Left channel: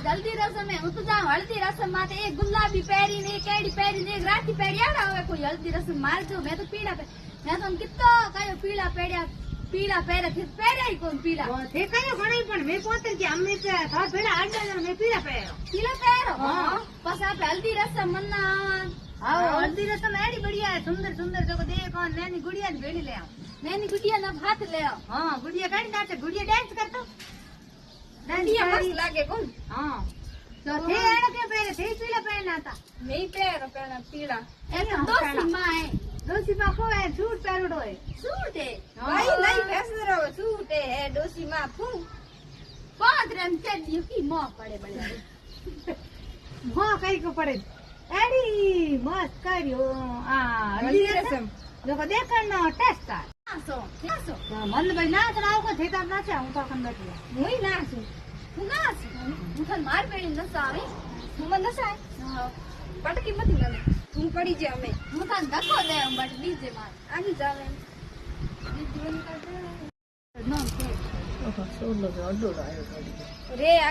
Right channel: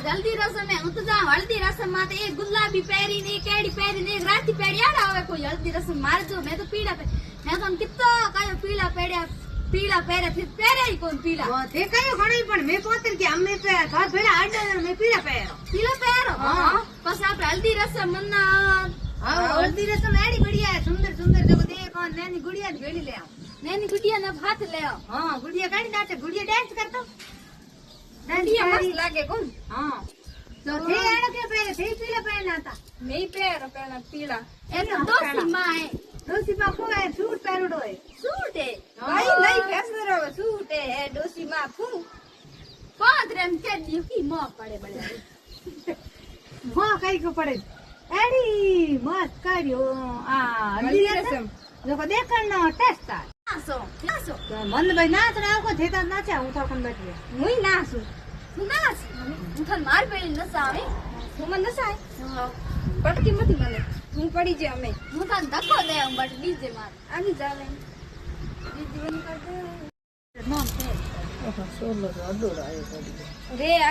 જલ્દી રસમ હું તો જાઉં હલ્દી રસમ માં એક ગુલાબી પહેરી ને એક કેડી પહેરી ને એક રાતી પહેરી આડા હવે કોઈ હલ્દી રસમ મારે જો મેં તો પીળા મેં તો કિતો કયો પીળા પહેરે ફિર પહેરે કોણ પીળા તે કયો ઘણી પણ મેં પોતે કે અમે સાત ભેડા આડા મેં પીળા પહેરો હા પછી આપણે હલ્દી રસમ મન્ના હા હલ્દી રસમ એડી બઢિયા સુંદર સુંદર જો દેખ નાની ગુડિયા ની ભેડી લે આવ નાની ગુડિયા ના હાથ લે આવ હા ગુડિયા કાઢી નાખે ગુડિયા ડાન્સ કરતો ગુડિયા મસ્ત લાગે કોણ હા તો તે એનો કે પહેરે તે પીળા પહેરના હતા મેં પહેરો પેલા પીળા એ તો દોસ્તી માં હે ડોસી માં કોય સૂટ પહેરડો હે સૂટ હે ભાઈ લઈ ફેસર આવે સૂટ હે ડોસી માં ફૂ પાંદરેમ કે દીકી માં પડે બળે હા કઈ કો પડે એડી મસ્ત કર્યો આ હલ્દી રસમ જો કો દેખણ ટેસ્ટ આ નાસો મન ભાઈ નાચ રાવ કો થેતા નાચા હું તો કન બેઠી હું નાસું હું નાસ હું તન માર પેલી નસાવે હું મને નસાય પટકી મતી મને હું પડી જાય અમે હું તન ધક્કો લે બટ બીજે માર આની જાવે બીજી બન કર દે નામ છે રે